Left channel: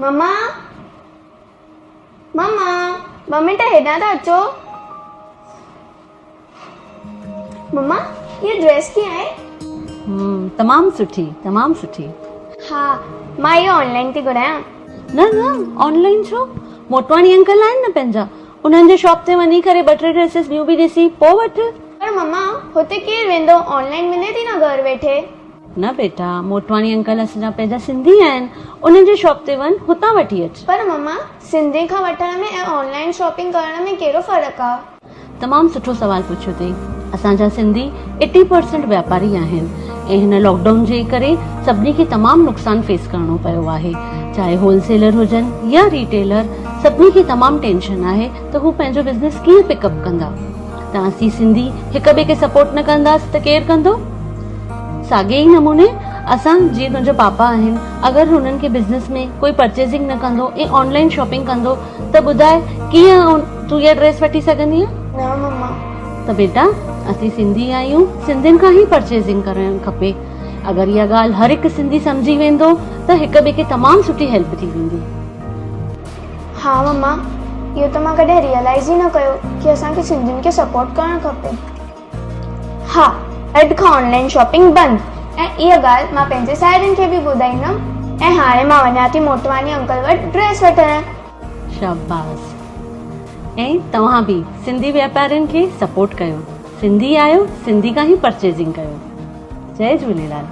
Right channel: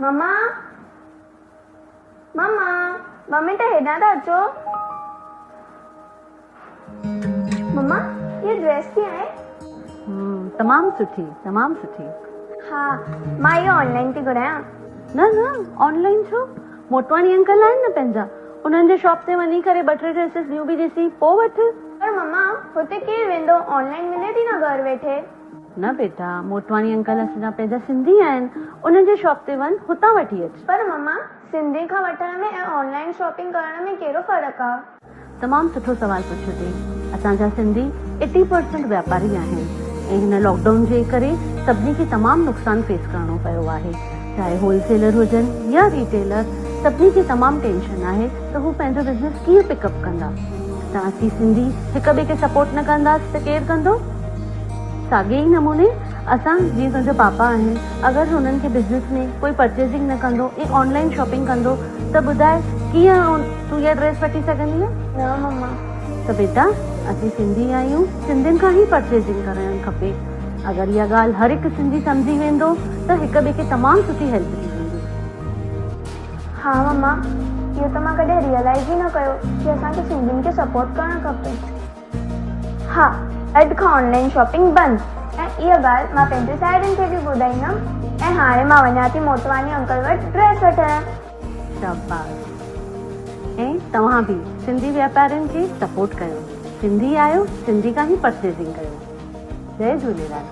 मम्मा मम्मा ॿ मिंट हेॾां था अचो। मम्मा ये ड्रेस कीअं आहे? तमाम सुठी। हा मां इहो ऑनलाइन थी घुरायां। न ऑनलाइन छो? मोटवाणी अंकल आहिनि न पंहिंजा, उन्हनि जे शॉप ते वञी करे 2-3 ड्रेसिस न्यू बि ॾिसी पोइ वठ। पर मम्मा हुते केरु वेंदो, ऑनलाइन मिले थी न घर वेठे। न बेटा, मोटवाणी अंकल असांजा पंहिंजा सिंधी आहिनि, उन्हनि जे शॉप ते वञ, हुतां वठी अच। पर मम्मा सिंधी खां वठण में ऐं ऑनलाइन शॉपिंग करण में कहिड़ो फ़र्क़ु आहे? तमामु सुठो सवाल पुछियो अथई। असांजा सिंधी 80% व्यापारी आहिनि ऐं हिन लॉकडाउन जे करे सभिनी खे तमामु नुक़सानु फेस करणो पियो आहे। चाहे होलसेलर हुजनि या रिटेलर, सभिनी खे तमामु टेंशन आहे त हू पंहिंजो बिज़नेस कीअं पिकअप कंदा। त असीं सिंधी हिक ॿिए खे सपोर्ट न कंदासीं त केरु कंदो? साॻे ई नमूने असां जीअं तुंहिंजा पापा आहिनि, अगरि हुननि खे बिज़नेस में कोई परचेसिंग न कंदो ऐं ऑनलाइन शॉपिंग कंदो त ॿुधाए कीअं तूं इहा ड्रेस वठी सघंदी आहे? न मम्मा। त बेटा असीं सिंधी आहियूं, सिंधियुनि खां ई परचेसिंग करणु खपे। अगरि इहा ॻाल्हि हर हिकु सिंधी सम्झी वेंदो त हिक ॿिए खे तमामु सुठी हेल्प थी वेंदी। हा मम्मा, इहो त मां कॾहिं रियलाइज़ ई न कयो कि असांखे सिंधियुनि खे सपोर्ट करणु खपे। हा, अॼु खां ऑनलाइन शॉपिंग बंदि, ऐं इहा ॻाल्हि मां पंहिंजे साहेड़ियुनि खे बि ॿुधाईंदमि। ऐं हाणे मां वञा थी मोटवानी अंकल वटि ड्रेस वठणु। शाबाश। ऐं तव्हां बि सिंधी वापारियुनि खे सपोर्ट कयो। सिंधी आहियो, सिंधी खां ई परचेसिंग कयो। जय झूलेलाल।